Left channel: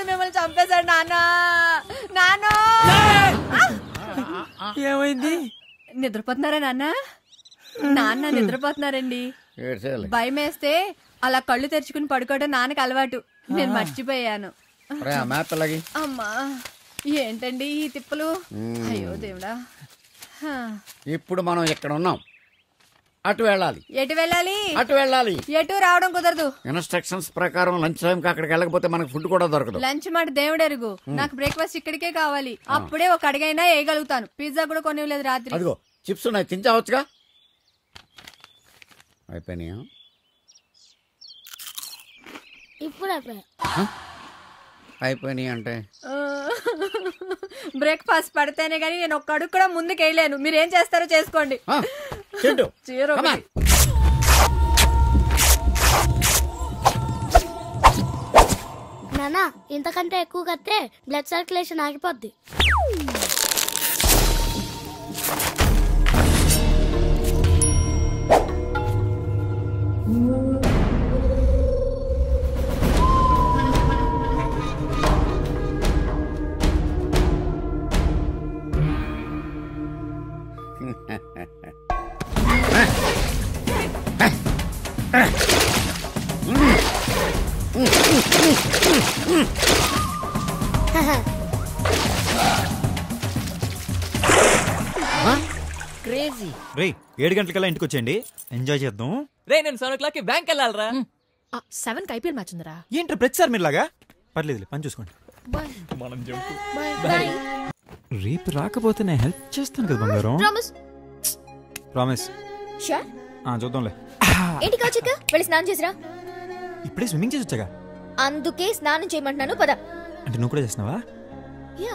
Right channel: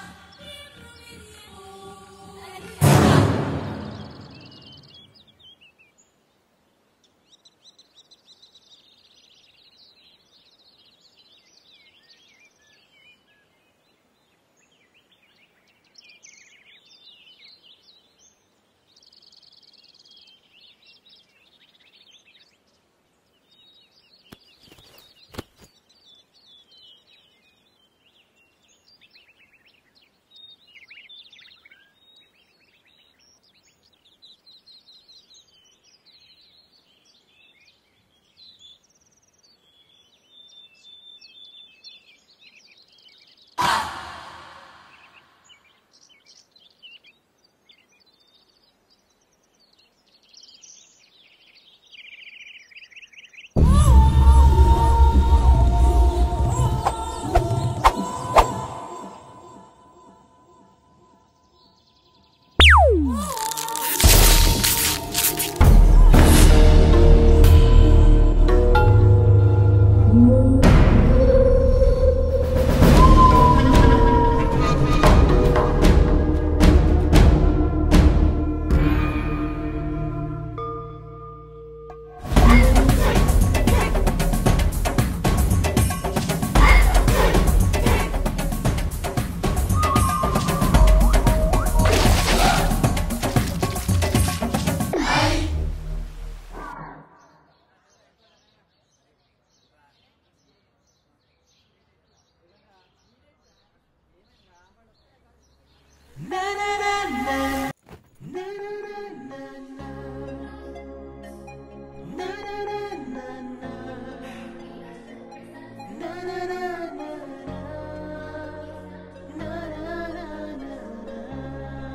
దేవుడు మిమ్మల్ని చంపేశాడు నాన్న. నాన్న ఏమైంది? నిద్రపోతున్నారా నాన్న? నాన్న నిద్రపోతున్నారండి. భయం వేస్తే అలా కళ్ళు తెరుచుకుని పడుకోవడం నాన్నకి అలవాటు. నేను మర్చిపోయాను. అమ్మా ఏంటండి ఈ తిప్పలు? అయ్యో దేవుడా. ఇప్పుడు మనం ఎక్కడ ఉన్నాం? అటు వెళ్ళాలి. ఎటు వెళ్ళాలి? అటు వెళ్ళాలి. ఎటు రావడం కుదరదు. ఇన్స్ట్రక్షన్స్ ప్రకారం లంచ్ టైం కి అక్కడికి వెళ్ళకపోతే మనకు ఫుడ్ కూడా దొరకదు. లంచ్ మాట దేవుడు ఎరుగు. నాకు బ్రేక్ఫాస్ట్ ఇక్కడికే కావాలి. అప్పుడే ఒక అడిగైనా వేయగలుగుతాను. పిజ్జా కూడా కొనివ్వలేదు రాత్రి. అదిగో చిప్స్ ఉన్నాయి, తింటావచ్చుగా. అయిపోయినాయా? ఇప్పుడు అయిపోయినాయి అంటే బ్రేక్ఫాస్ట్ పడితేనే గానీ నేను ఒక్క అడుగు కూడా ముందుకు వేయలేను. మీరేం చేస్తారో చేసుకోండి. నానా ఇంతకంటే ఎక్కువ కడితే బ్లడ్ సర్క్యులేషన్ ఆగిపోద్ది. రే 7 గంటలకల్లా ఇంటికి వచ్చేయండి, ఎంజాయ్ చేద్దాం. రే నేను 7 o'clock బ్యాంక్ వెళ్ళాలరా. 7కి ఐపీఎల్ మ్యాచ్ ఉందిరా. ఏంట్రా ప్రతిసారి మీరులాగా? పర్లేదు పని చూసుకోండి. రేపు రాకపోతే నేను హెల్ప్ చేస్తాను కదా బంగారం. ప్రామిస్. చూద్దాంలే. ఏంటి కౌచిక్ వెళ్ళి స్నానం చేసిరా. ఇప్పుడే స్విమ్మింగ్ చేసి వచ్చాగా. అందుకే స్నానం చేయమంటున్నాను పద. అంటే నువ్వు కూడా చేసినావా? యా